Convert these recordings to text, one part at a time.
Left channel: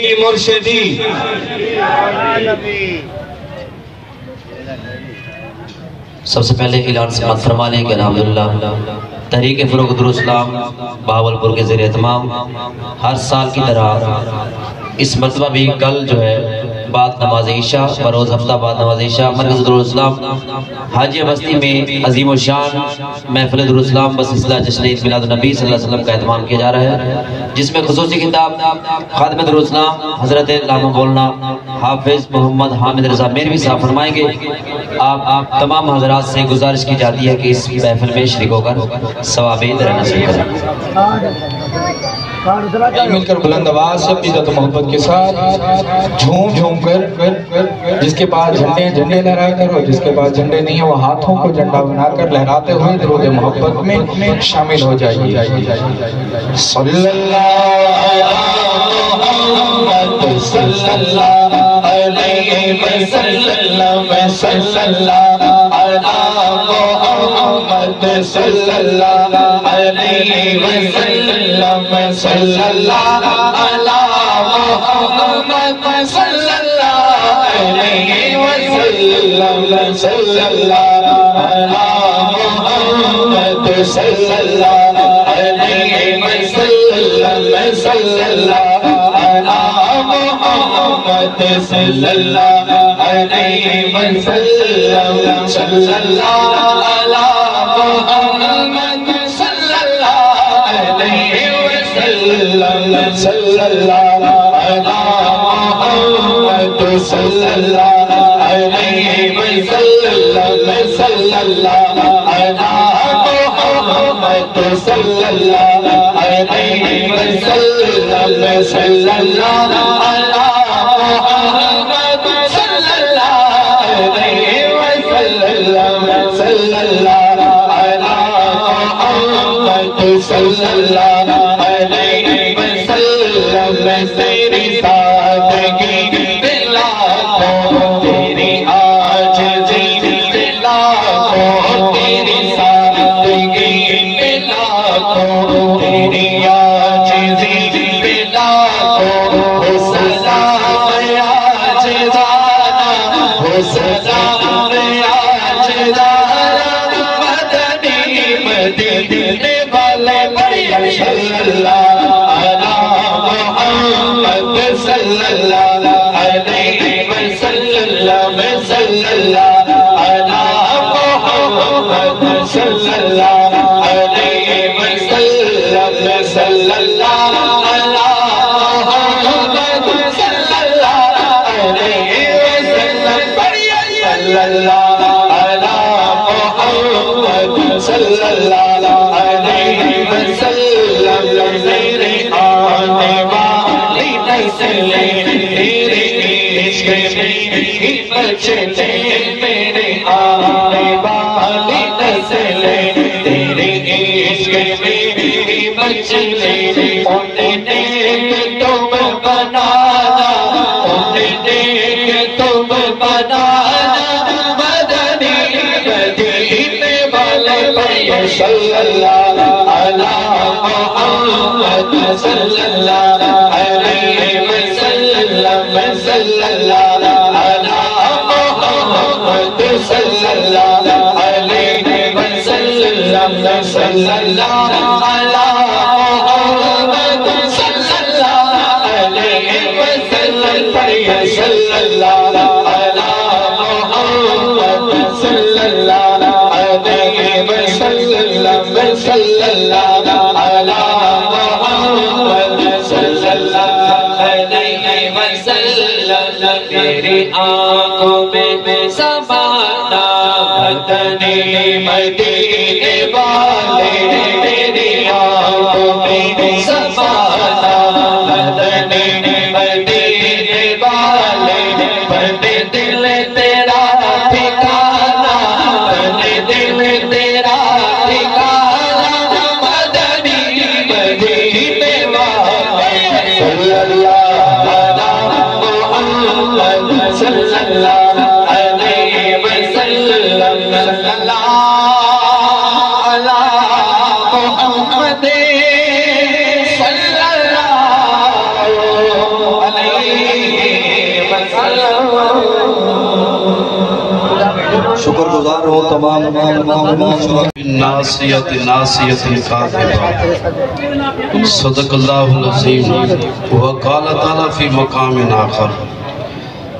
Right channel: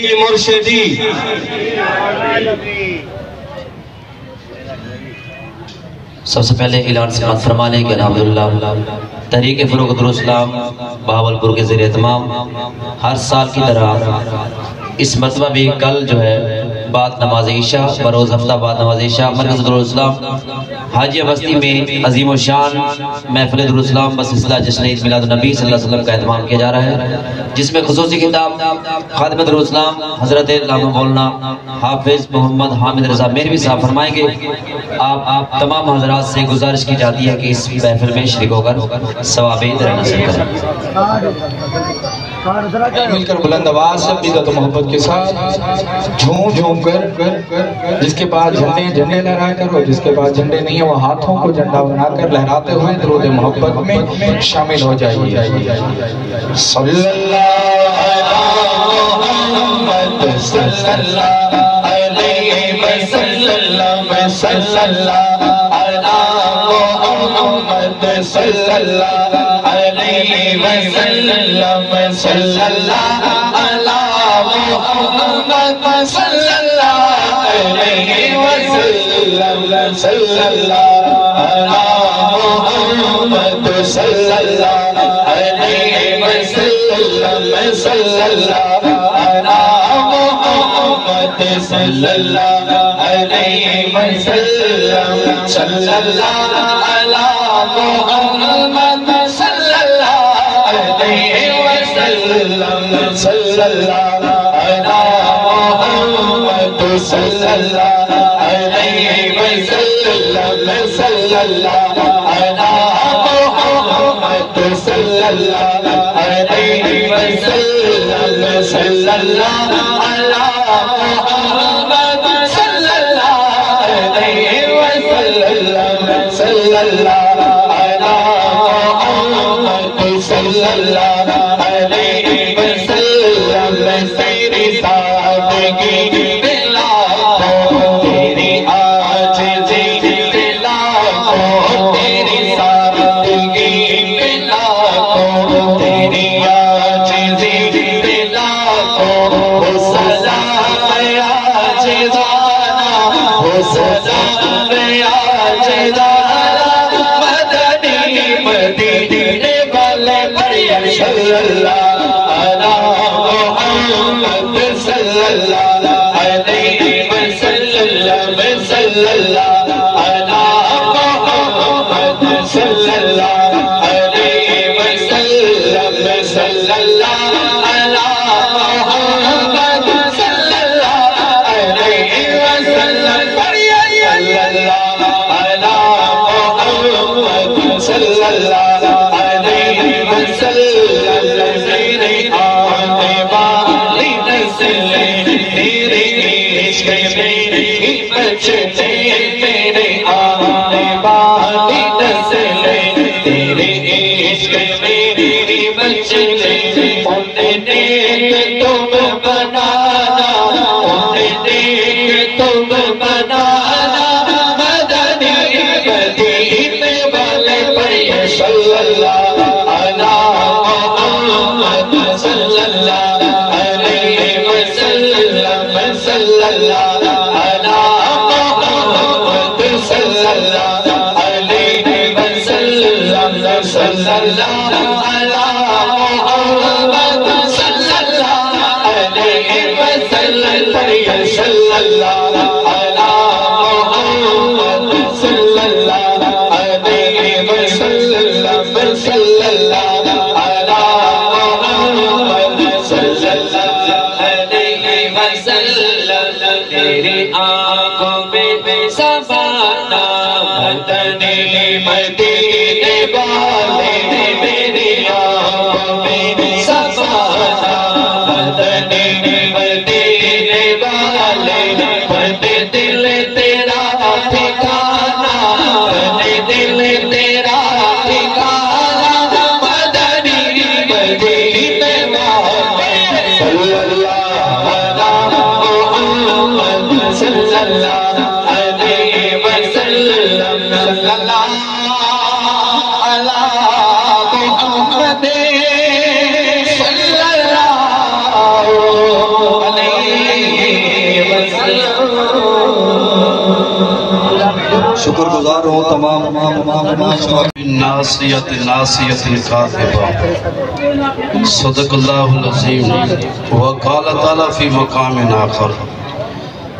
مرشدی سب سے پہلے اعلان سماعت فرما لیں کہ الحمدللہ تحریک فروغ دارالاسلام بہاولپور کے زیر اہتمام ہر سال کی طرح اس مرتبہ بھی کل جو ہے بعد نماز عشاء بروز ہفتہ بعد نماز عشاء مرکز دارالاسلام حاجی بستی میں عظیم الشان محفل دارالاسلام بسلسلہ جشن عید میلاد النبی صلی اللہ علیہ وسلم کا اہتمام کیا جا رہا ہے، جس میں خصوصی خطاب خادم دارالاسلام حضرت علامہ مولانا حافظ محمد حامد رضا میروی صاحب فرمائیں گے۔ آپ تمام حضرات سے گزارش کی جاتی ہے کہ اس محفل میں شریک ہو کر ثواب عید نصیب کریں۔ مل کر بلند آواز سے عزت و محبت کے ساتھ جھوم جھوم کر جس کے پاس جھنڈے لہرا کر اور جس کے پاس جھنڈے نہیں ہیں وہ ہاتھوں کو جھنڈا بنا کر لہراتے ہوئے درود محبت میں شامل ہو جائیے۔ صلی اللہ محمد صلی اللہ علیہ وسلم صلی اللہ علی محمد صلی اللہ علیہ وسلم صلی اللہ علی محمد صلی اللہ علیہ وسلم صلی اللہ علی محمد صلی اللہ علیہ وسلم صلی اللہ علی محمد صلی اللہ علیہ وسلم صلی اللہ علی محمد صلی اللہ علیہ وسلم صلی اللہ علی محمد صلی اللہ علیہ وسلم صلی اللہ علی محمد صلی اللہ علیہ وسلم صلی اللہ علی محمد صلی اللہ علیہ وسلم صلی اللہ علی محمد صلی اللہ علیہ وسلم تیری سادگی لاکھوں تیری عاجزی لاکھوں تیری سادگی لاکھوں تیری عاجزی لاکھوں ہو سلام عاجزانہ ہو سلام عاجزانہ مدنی مدینے والے صلی اللہ علی محمد صلی اللہ علیہ وسلم صلی اللہ علی محمد صلی اللہ علیہ وسلم صلی اللہ علی محمد صلی اللہ علیہ وسلم صلی اللہ علی محمد صلی اللہ علیہ وسلم میرے آنے والی نسلیں تیرے عشق میں بچتے میرے آنے والی نسلیں تیرے عشق میں بچتے انہیں دیکھ تم بنانا انہیں دیکھ تم بنانا مدنی مدینے والے پہ صلی اللہ علی محمد صلی اللہ علیہ وسلم صلی اللہ علی محمد صلی اللہ علیہ وسلم صلی اللہ علی محمد صلی اللہ علیہ وسلم صلی اللہ علی محمد صلی اللہ علیہ وسلم صلی اللہ علی محمد صلی اللہ علیہ وسلم تیری آنکھوں میں سمانا مدنی مدینے والے تیری آنکھوں میں سمانا مدنی مدینے والے بند دل تیرا ٹھکانا بند دل تیرا ٹھکانا مدنی مدینے والے صلی اللہ علی محمد صلی اللہ علیہ وسلم صلی اللہ علی محمد صلی اللہ علیہ شکر گزار ہوں تمام ناسیت کاذبہ صدق اللہ العظیم وقال تعالی فی مقام آخر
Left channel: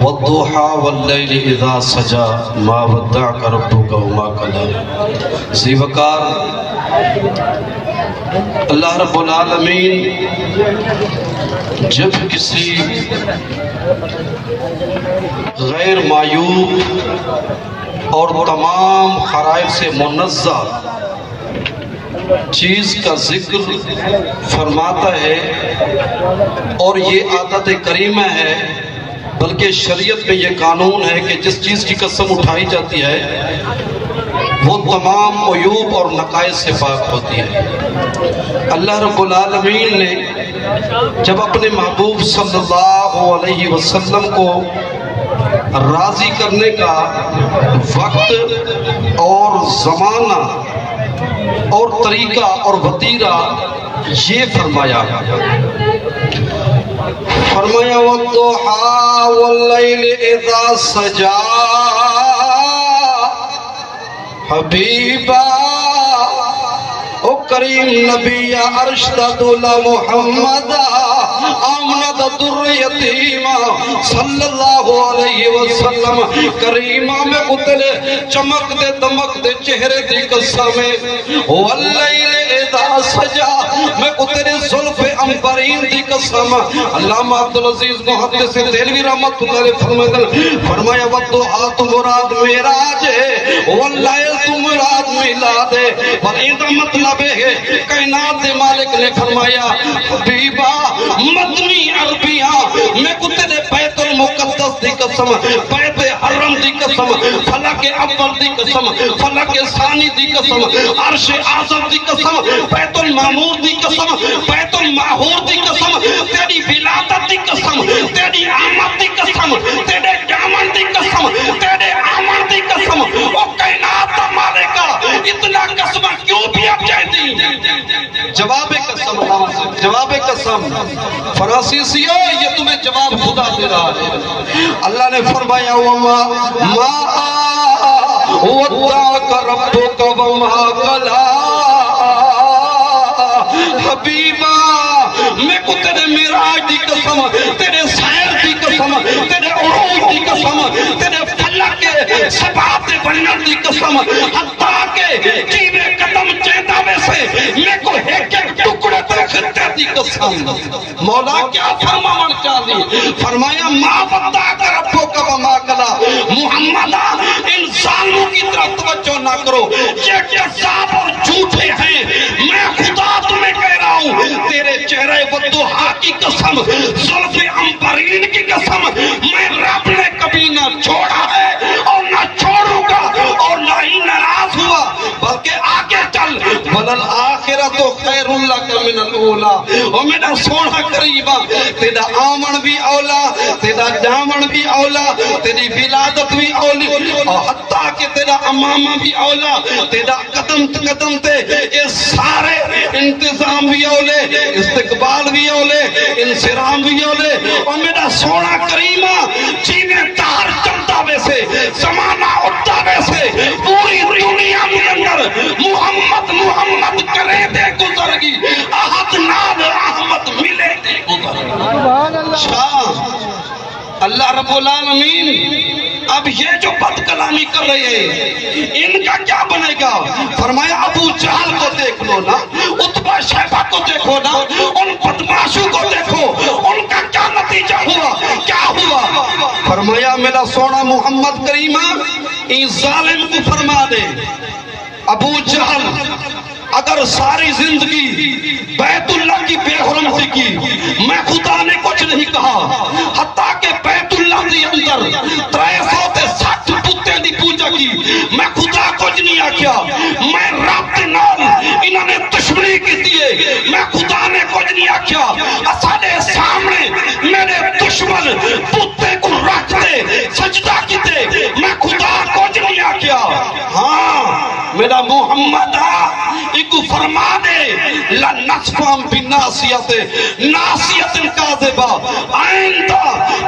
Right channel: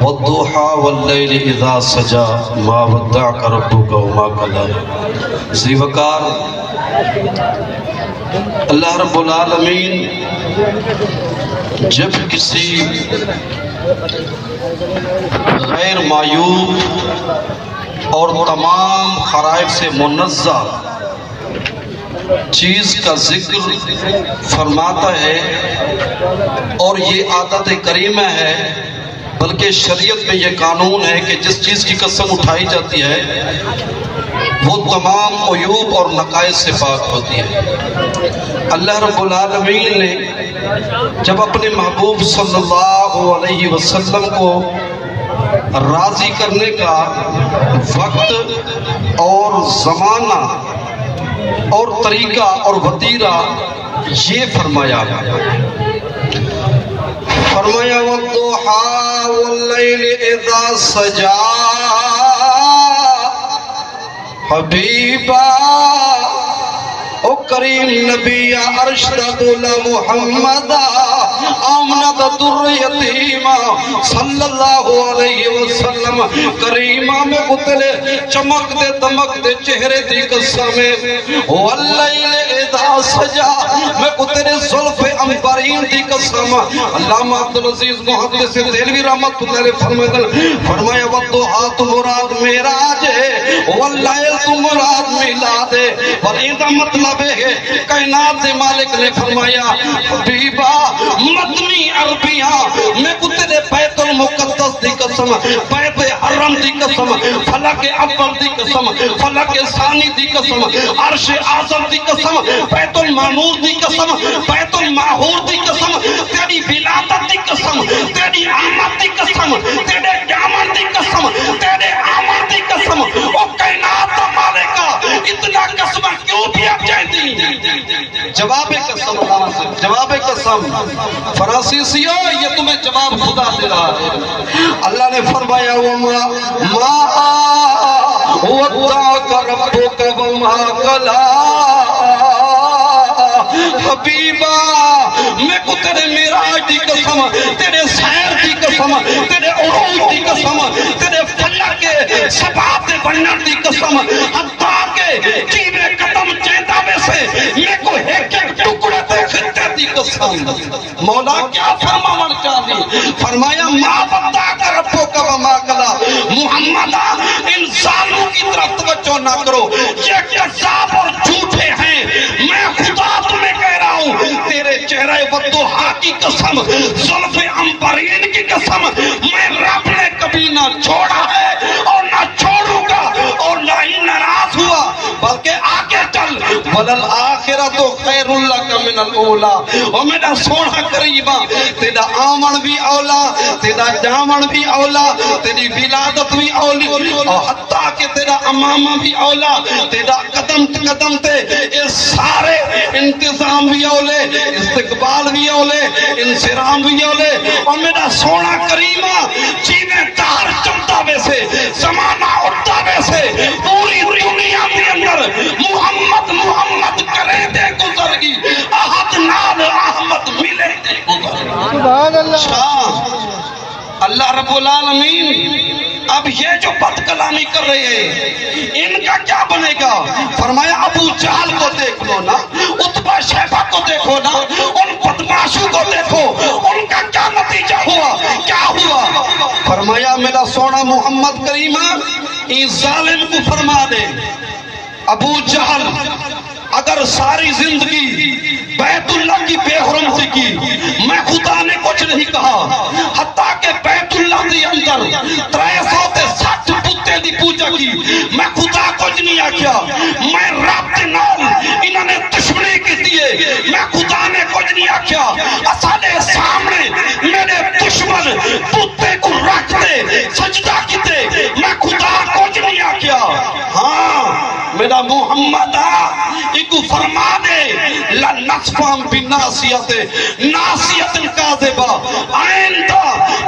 والضحى واللیل اذا سجا ما ودعك ربك وما قلى. زیوکار اللہ رب العالمین جب کسی غیر معیوب اور تمام خرائط سے منزہ چیز کا ذکر فرماتا ہے اور یہ عادت کریمہ ہے، بلکہ شریعت میں یہ قانون ہے کہ جس چیز کی قسم اٹھائی جاتی ہے وہ تمام عیوب اور نقائص سے پاک ہوتی ہے. اللہ رب العالمین نے جب اپنے محبوب صلی اللہ علیہ وسلم کو راضی کرنے کا وقت اور زمانہ اور طریقہ اور وتیرہ یہ فرمایا والضحى واللیل اذا سجا حبیبا او کریم نبی ارشد محمد آمد در یتیما صلی اللہ علیہ وسلم کریمہ میں اتلے چمک دے دمک دے چہرے دی قسم واللیل اذا سجا میں اتلے ظلف امبرین دی قسم. علامہ عبدالعزیز محدث دہلوی رحمت اللہ علیہ فرمایا والضحى تو مراد معراج ہے واللیل تو مراد میلاد ہے. پر ایدہ مطلب ہے کائنات دے مالک نے فرمایا حبیبا مدنی عربیاں میں کتنے بیت المقدس دی قسم، بیت حرم دی قسم، فلک اول دی قسم، فلک ثانی دی قسم، عرش اعظم دی قسم، بیت المعمور دی قسم، بیت المعہور دی قسم، تیری ولادت دی قسم، تیری آمد دی قسم، تیرے قیامت دی قسم، تیرے آمد دی قسم. او کائنات دا مالکہ اتنا قسم کیوں بھی اب چاہتی؟ جواب قسم، جواب قسم فرانسیسیوں یہ تمہیں جواب خدا دے رہا ہے. اللہ نے فرمایا ما ودعك ربك وما قلى. حبیبا میں کو تیرے معراج دی قسم، تیرے سیر دی قسم، تیرے عروج دی قسم، تیرے فلک کے سبات بنن دی قسم، حتیٰ کہ جیوے قدم چیندہ میں سے میں کو ایک ایک ٹکڑے تے خطے دی قسم. مولا کیا فرماون چاہی؟ فرمایا ما ودعك ربك وما قلى. محمد ان ظالموں کی طرف توجہ نہ کرو، یہ کذاب اور جھوٹے ہیں. میں خدا تمہیں کہہ رہا ہوں تیرے چہرے والضحى کی قسم، زلف امبرین کی قسم، میں رب نے کبھی نہ چھوڑا ہے اور نہ چھوڑوں گا اور نہ ہی ناراض ہوا، بلکہ آگے چل وَلَلْآخِرَةُ خَيْرٌ لَكَ مِنَ الْأُولَىٰ. اور میرا سونا قریبا تیرا آمن بھی اولا، تیرا جامن بھی اولا، تیری ولادت بھی اولی، اور حتیٰ کہ تیرا امامہ بھی اولا، تیرا قدم قدم تے یہ سارے انتظام بھی اولے، استقبال بھی اولے، انصرام بھی اولے. اور میرا سونا کریمہ جینے تار چلتا میں سے زمانہ اٹھتا میں سے پوری دنیا کے اندر محمد محمد کرے دے گزر گی، احد ناد احمد ملے دے گزر. اللہ رب العالمین اب یہ جو بد کلامی کر رہے ہیں ان کا کیا بنے گا؟ فرمایا ابو جہل کو دیکھ لو نا، عتبہ شیبہ کو دیکھو نا، ان بدماشوں کو دیکھو، ان کا کیا نتیجہ ہوا، کیا ہوا؟ فرمایا میرا سونا محمد کریمہ ان ظالم کو فرما دے ابو جہل اگر ساری زندگی بیت اللہ کی بے حرمتی کی، میں خدا نے کچھ نہیں کہا، حتیٰ کہ بیت اللہ کے اندر 360 بتیں دی پوجا کی، میں خدا کچھ نہیں آکیا، میں رب کے نال انہوں نے دشمنی کی دیئے، میں خدا نے کچھ نہیں آکیا. اسانے سامنے میرے دشمن بتے کو رکھ دے سجدہ کی دے، میں خدا کچھ نہیں آکیا. ہاں میرا محمد ایک فرما دے لنصفہم بناسیت ناسیت کاذبہ. آئندہ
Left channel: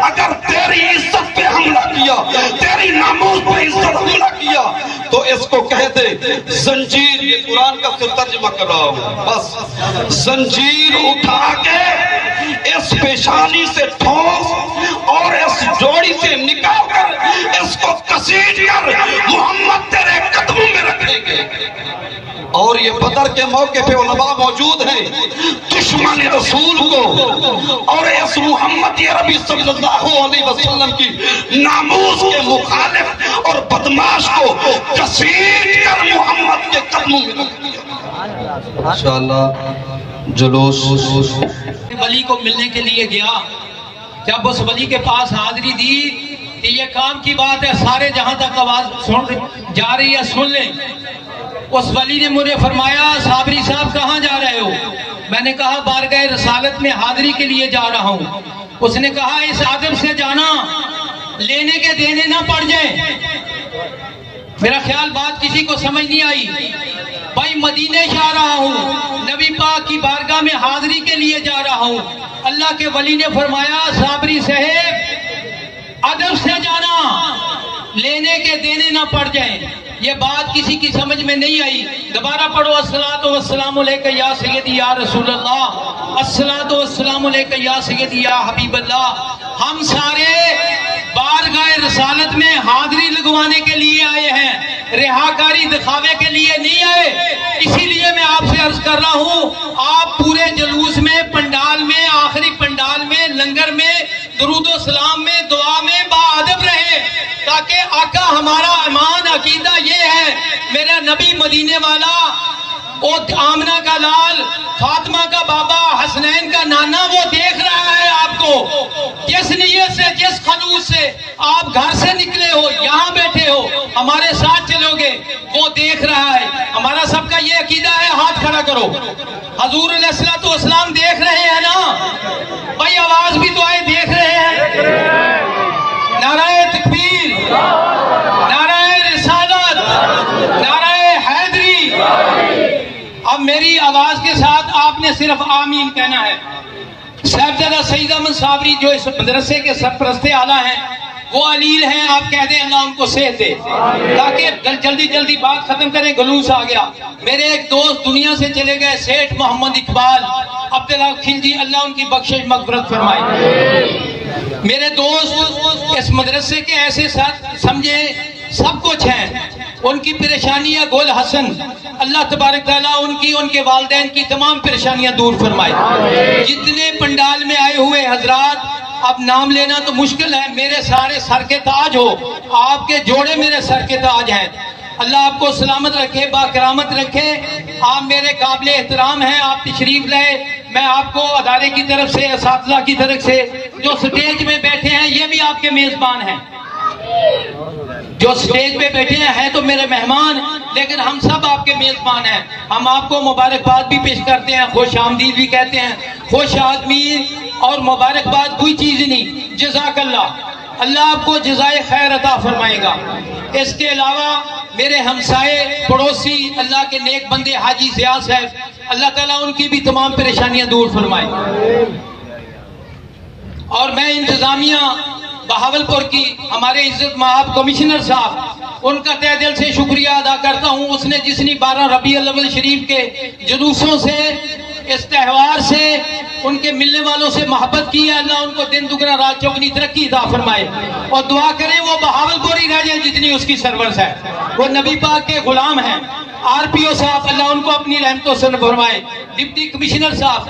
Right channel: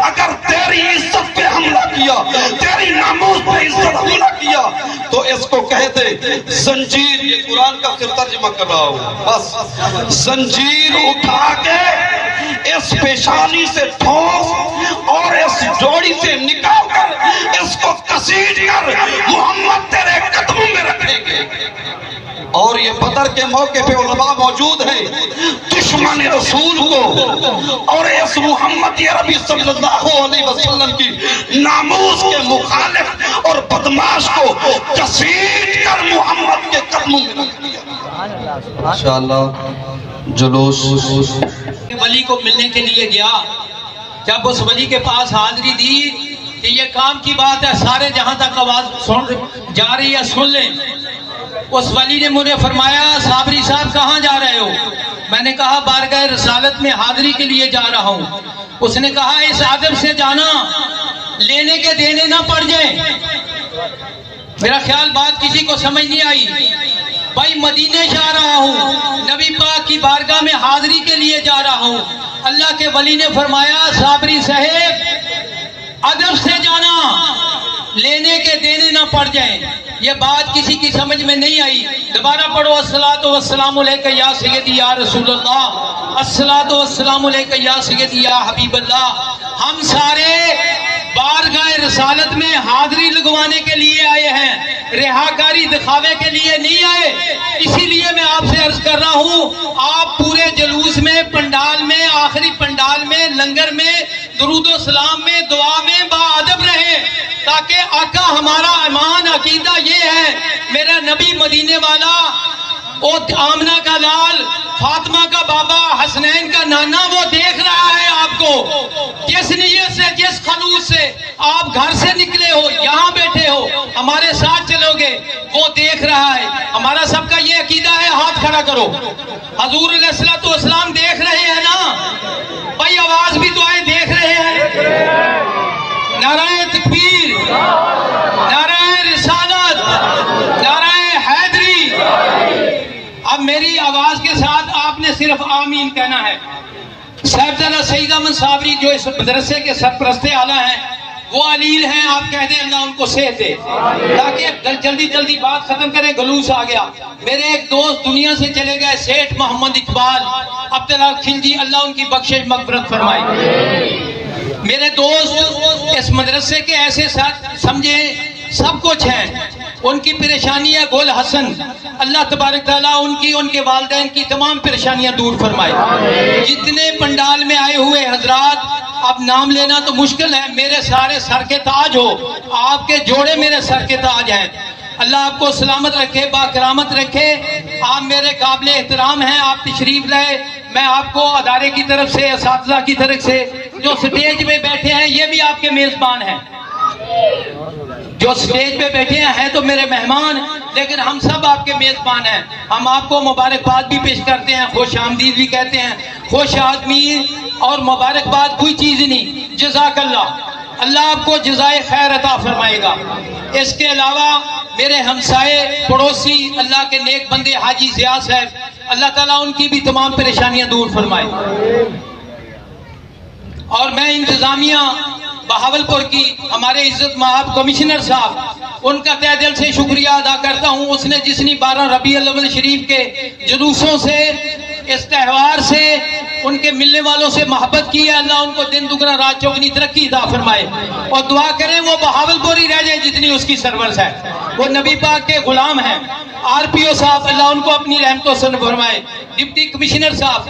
اگر تیری عزت پہ حملہ کیا، تیری نام ناموس پہ عزت حملہ کیا تو اس کو کہہ دے زنجیر، یہ قرآن کا پھر ترجمہ کر رہا ہوں، بس زنجیر اٹھا کے اس پیشانی سے ٹھوس اور اس جوڑی سے نکال کر اس کو کسیٹ کر محمد تیرے قدموں میں رکھیں گے۔ اور یہ بدر کے موقع پہ علماء موجود ہیں، دشمن رسول کو اور اس محمد عربی صلی اللہ علیہ وسلم کی ناموس کے مخالف اور بدماش کو کسیٹ کر محمد کے قدموں میں رکھ دیا۔ انشاءاللہ جلوس ولی کو ملنے کے لیے گیا، جب اس ولی کے پاس حاضری دی کہ یہ کام کی بات ہے، سارے جہاں تک آواز سن جا رہی ہے سن لیں۔ اس ولی نے مجھے فرمایا صابری صاحب کہاں جا رہے ہو؟ میں نے کہا بارگاہ رسالت میں حاضری کے لیے جا رہا ہوں۔ اس نے کہا اس ادب سے جانا لینے کے دینے نہ پڑ جائیں۔ میرا خیال بات کسی کو سمجھ نہیں آئی۔ بھائی مدینے جا رہا ہوں، نبی پاک کی بارگاہ میں حاضری کے لیے جا رہا ہوں۔ اللہ کے ولی نے فرمایا صابری صاحب ادب سے جانا، لینے کے دینے نہ پڑ جائیں۔ یہ بات کسی کی سمجھ میں نہیں آئی۔ دوبارہ پڑھو الصلاۃ والسلام علیک یا سیدی یا رسول اللہ، الصلاۃ والسلام علیک یا سیدی یا حبیب اللہ۔ ہم سارے بارگاہ رسالت میں حاضری لگوانے کے لیے آئے ہیں، رہاکاری دکھاوے کے لیے نہیں آئے۔ اسی لیے میں آپ سے عرض کر رہا ہوں آپ پورے جلوس میں، پنڈال میں، آخری پنڈال میں، لنگر میں، درود و سلام میں، دعا میں باادب رہیں، تاکہ آقا ہمارا ایمان عقیدہ یہ ہے میرا نبی مدینے والا، وہ آمنہ کا لال، فاطمہ کا بابا، حسنین کا نانا، وہ دیکھ رہا ہے آپ کو۔ جس نیت سے، جس خلوص سے آپ گھر سے نکلے ہو، یہاں بیٹھے ہو، ہمارے ساتھ چلو گے، وہ دیکھ رہا ہے۔ ہمارا سب کا یہ عقیدہ ہے، ہاتھ کھڑا کرو۔ حضور علیہ الصلوۃ والسلام دیکھ رہے ہیں نا بھائی، آواز بھی تو آئے، دیکھ رہے ہیں۔ نعرہ تکبیر، نعرہ رسالت، نعرہ حیدری۔ اب میری آواز کے ساتھ آپ نے صرف آمین کہنا ہے۔ صاحبزادہ سعید احمد صابری جو اس مدرسے کے سرپرست اعلیٰ ہیں، وہ علیل ہیں، آپ کہہ دیں اللہ ان کو صحت دے، تاکہ جلدی جلدی بات ختم کریں، گلوس آ گیا۔ میرے ایک دوست دنیا سے چلے گئے، سیٹھ محمد اقبال عبداللہ خلجی، اللہ ان کی بخشش مغفرت فرمائے۔ میرے دوست اس مدرسے کے ایسے ساتھ سمجھیں سب کچھ ہیں، ان کی پریشانیاں گول حسن، اللہ تبارک تعالیٰ ان کی، ان کے والدین کی تمام پریشانیاں دور فرمائے۔ جتنے پنڈال میں آئے ہوئے حضرات، اب نام لینا تو مشکل ہے، میرے سارے سر کے تاج ہو، آپ کے جوڑے میرے سر کے تاج ہیں۔ اللہ آپ کو سلامت رکھے، با کرامت رکھے۔ آپ میرے قابل احترام ہیں، آپ تشریف لائے۔ میں آپ کو ادارے کی طرف سے، اساتذہ کی طرف سے، جو سٹیج پہ بیٹھے ہیں یہ بھی آپ کے میزبان ہیں، جو سٹیج پہ بیٹھے ہیں تو میرے مہمان، لیکن ہم سب آپ کے میزبان ہیں۔ ہم آپ کو مبارکباد بھی پیش کرتے ہیں، خوش آمدید بھی کہتے ہیں۔ خوش آدمی اور مبارکباد کوئی چیز نہیں، جزاک اللہ، اللہ آپ کو جزائے خیر عطا فرمائے گا۔ اس کے علاوہ میرے ہمسائے پڑوسی، اللہ کے نیک بندے حاجی ضیاء صاحب، اللہ تعالیٰ ان کی بھی تمام پریشانیاں دور فرمائے۔ اور میں انتظامیہ بہاولپور کی، ہمارے عزت مآب کمشنر صاحب، ان کا تہ دل سے شکریہ ادا کرتا ہوں۔ اس نے جتنی 12 ربیع الاول شریف کے جلوسوں سے، اس تہوار سے، ان کے ملنے والوں سے محبت کی ہے، اللہ ان کو دن دگنا رات چوگنی ترقی عطا فرمائے، اور دعا کریں وہ بہاولپور ہی رہ جائے جتنی اس کی سرورت ہے۔ وہ نبی پاک کے غلام ہیں۔ آر پی او صاحب، اللہ ان کو اپنی رحمتوں سے فرمائے۔ ڈپٹی کمشنر صاحب،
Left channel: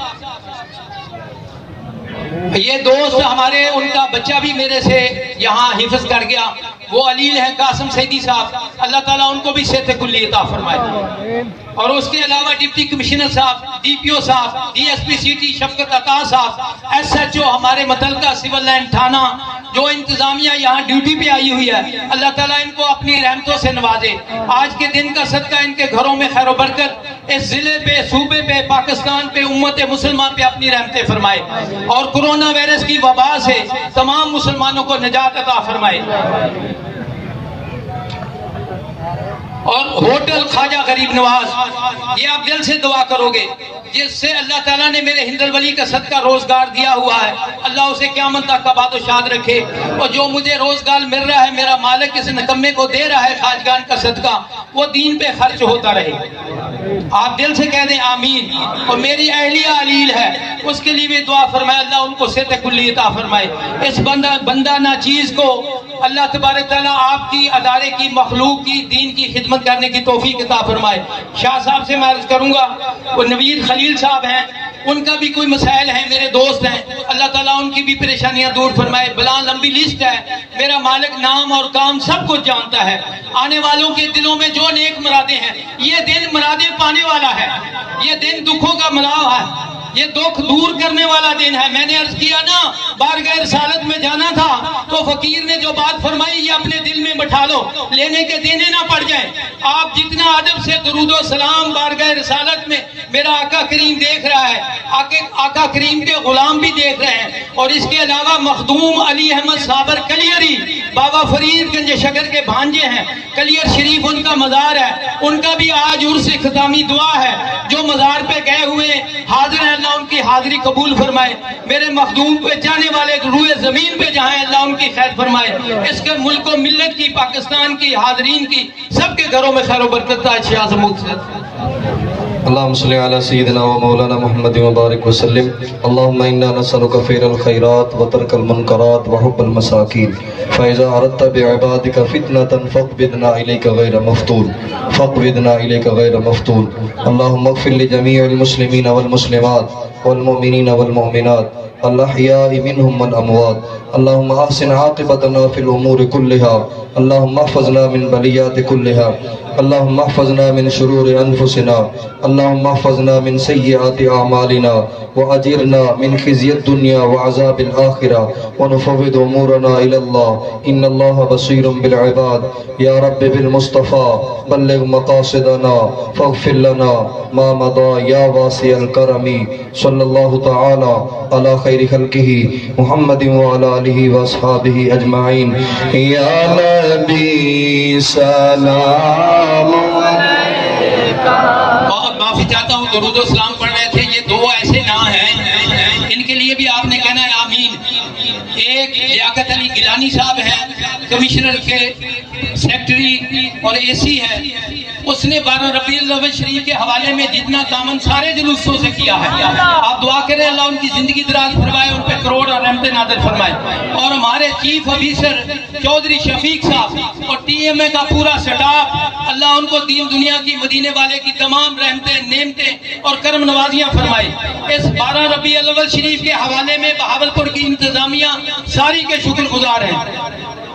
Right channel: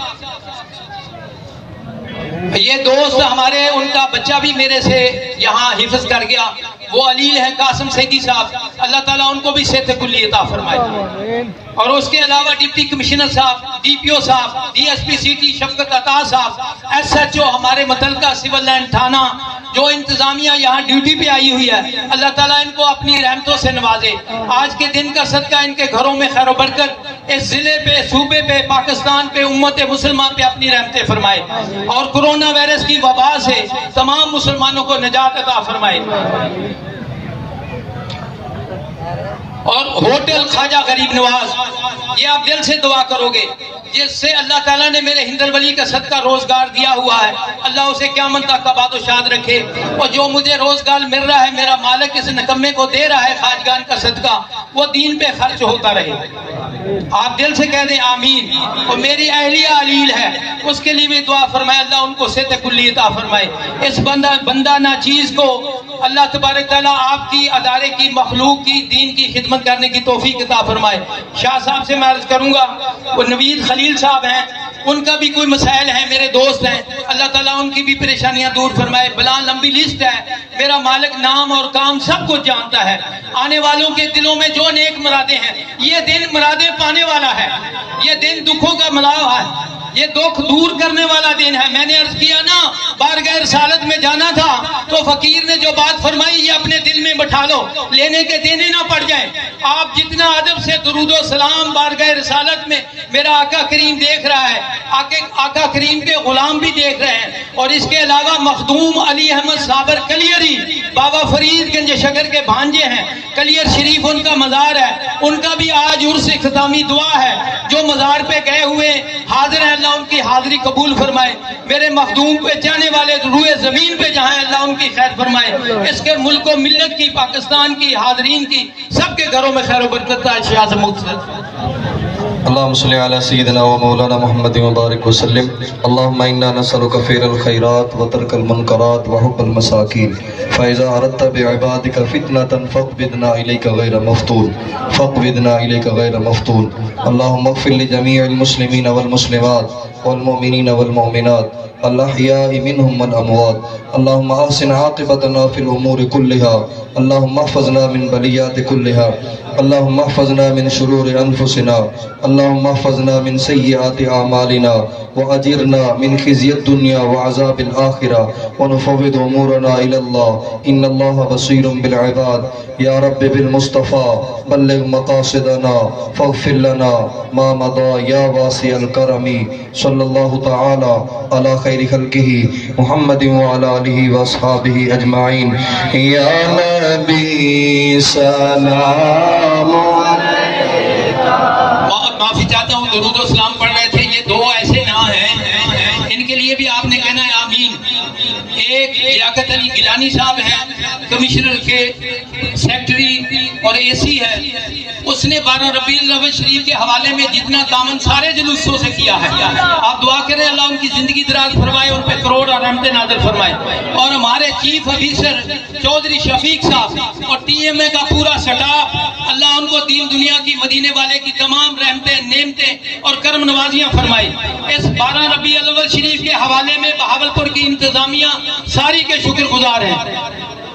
یہ دوست ہمارے، ان کا بچہ بھی میرے سے یہاں حفظ کر گیا، وہ علیل ہیں قاسم سیدی صاحب، اللہ تعالیٰ ان کو بھی صحت کلی عطا فرمائے۔ اور اس کے علاوہ ڈپٹی کمشنر صاحب، ڈی پی او صاحب، ڈی ایس پی سٹی شفقت عطا صاحب، ایس ایچ او ہمارے متعلقہ سول لائن تھانہ، جو انتظامیہ یہاں ڈیوٹی پہ آئی ہوئی ہے، اللہ تعالیٰ ان کو اپنی رحمتوں سے نوازے۔ آج کے دن کا صدقہ ان کے گھروں میں خیر و برکت، اس ضلع پہ، صوبے پہ، پاکستان پہ، امت مسلمان پہ اپنی رحمتیں فرمائے، اور کورونا وائرس کی وبا سے تمام مسلمانوں کو نجات عطا فرمائے۔ اور ہوٹل خواجہ غریب نواز، یہ آپ دل سے دعا کرو گے، جس سے اللہ تعالیٰ نے میرے ہند الولی کا صدقہ روزگار دیا ہوا ہے، اللہ اسے قیامت تک کا باد و شاد رکھے، اور جو مجھے روزگار مل رہا ہے میرا مالک اس نکمے کو دے رہا ہے خواجگان کا صدقہ، وہ دین پہ خرچ ہوتا رہے۔ آپ دل سے کہہ دیں آمین۔ اور میری اہلیہ علیل ہے، اس کے لیے بھی دعا فرمائے، اللہ ان کو صحت کلی عطا فرمائے۔ اس بندہ ناچیز کو اللہ تبارک تعالیٰ آپ کی ادارے کی مخلوق کی دین کی خدمت کرنے کی توفیق عطا فرمائے۔ شاہ صاحب سے میں عرض کروں گا، وہ نوید خلیل صاحب ہیں، ان کا بھی کوئی مسائل ہیں، میرے دوست ہیں، اللہ تعالیٰ ان کی بھی پریشانیاں دور فرمائے۔ بلا لمبی لسٹ ہے، میرا مالک نام اور کام سب کچھ جانتا ہے۔ آنے والوں کے دلوں میں جو نیک مرادیں ہیں، یہ دن مرادیں پانے والا ہے، یہ دن دکھوں کا ملاو ہے، یہ دکھ دور کرنے والا دن ہے۔ میں نے عرض کیا نا، بارگاہ رسالت میں جانا تھا تو فقیر نے جو بات فرمائی، یہ اپنے دل میں بٹھا لو، لینے کے دینے نہ پڑ جائیں۔ آپ جتنا ادب سے درود و سلام بارگاہ رسالت میں میرا آقا کریم دیکھ رہا ہے، آقا کریم کے غلام بھی دیکھ رہے ہیں، اور اس کے علاوہ مخدوم علی احمد صابر کلیری بابا فرید گنج شکر کے بھانجے ہیں، کلیر شریف ان کا مزار ہے، ان کا بھی آج عرس اختتامی دعا ہے، جو مزار پہ گئے ہوئے حاضر ہیں، اللہ ان کی حاضری قبول فرمائے۔ میرے مخدوم پہ جانے والے روئے زمین پہ جہاں اللہ ان کی خیر فرمائے۔ اس کے ملک و ملت کی، پاکستان کی، حاضرین کی، سب کے گھروں میں خیر و برکت ہے۔ شاہ سے اللهم صل على سيدنا ومولانا محمد وبارك وسلم. اللهم إنا نسألك فعل الخيرات وترك المنكرات وحب المساكين، فإذا أردت بعبادك فتنة فاقبضنا إليك غير مفتون، فاقبضنا إليك غير مفتون. اللهم اغفر لجميع المسلمين والمسلمات والمؤمنين والمؤمنات الأحياء منهم والأموات. اللهم أحسن عاقبتنا في الأمور كلها. اللهم احفظنا من بليات كلها. اللهم احفظنا من شرور أنفسنا. اللهم احفظنا من سيئات أعمالنا وأجرنا من خزي الدنيا وعذاب الآخرة، ونفوض أمورنا إلى الله إن الله بصير بالعباد. يا رب بالمصطفى بلغ مقاصدنا فاغفر لنا ما مضى يا واسع الكرم. صلى الله تعالى على خير خلقه محمد وعلى آله وأصحابه أجمعين. يا نبي سلام معافی چاہتا ہوں، درود و سلام پڑھ رہے تھے، یہ دو ایسے نام ہیں، ان کے لیے بھی آپ نے کہنا ہے آمین۔ ایک لیاقت علی گیلانی صاحب ہیں، کمشنر کے سیکٹری اور اے سی ہے، اس نے 12 ربیع الاول شریف کے حوالے میں جتنا دامن سارے جلوسوں سے کیا ہے، آپ دعا کریں اللہ ان کی زندگی دراز فرمائے، ان پہ کروڑ اور رحمت نازل فرمائے۔ اور ہمارے چیف آفیسر چودھری شفیق صاحب اور ٹی ایم اے کا پورا سٹاف، اللہ ان کو دین دنیا کی، مدینے والے کی تمام رحمتیں، نعمتیں اور کرم نوازیاں فرمائے۔ اس 12 ربیع الاول شریف کے حوالے میں بہاولپور کی انتظامیہ ساری کے شکر گزار ہیں۔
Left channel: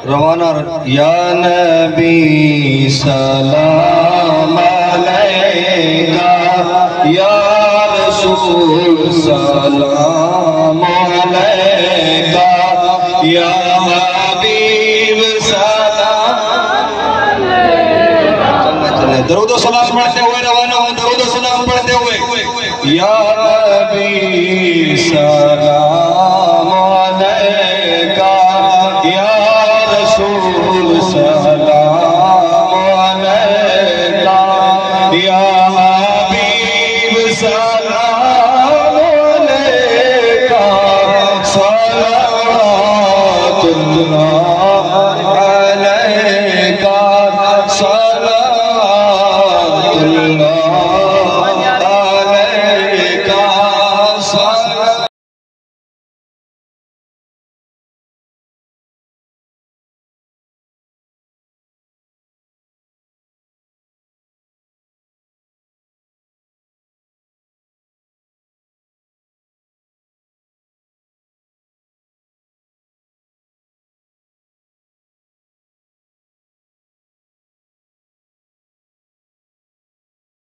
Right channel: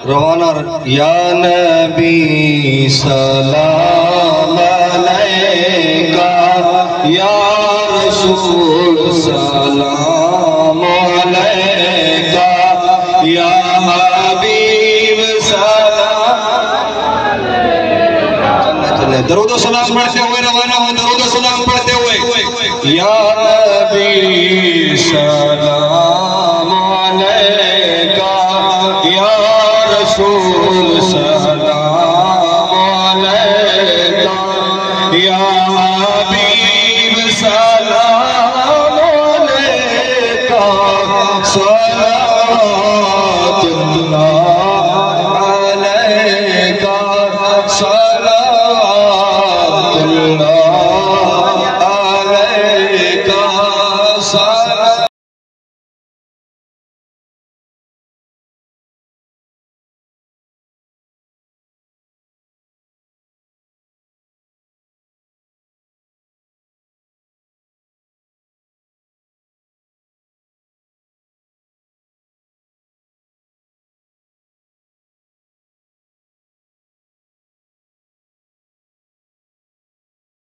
روانہ یا نبی سلام علیکہ، یا رسول سلام علیکہ، یا حبیب سلام علیکہ۔ درود و سلام پڑھتے ہوئے روانہ ہوں، درود و سلام پڑھتے ہوئے، یا نبی سلام علیکہ، یا رسول سلام علیکہ، یا حبیب سلام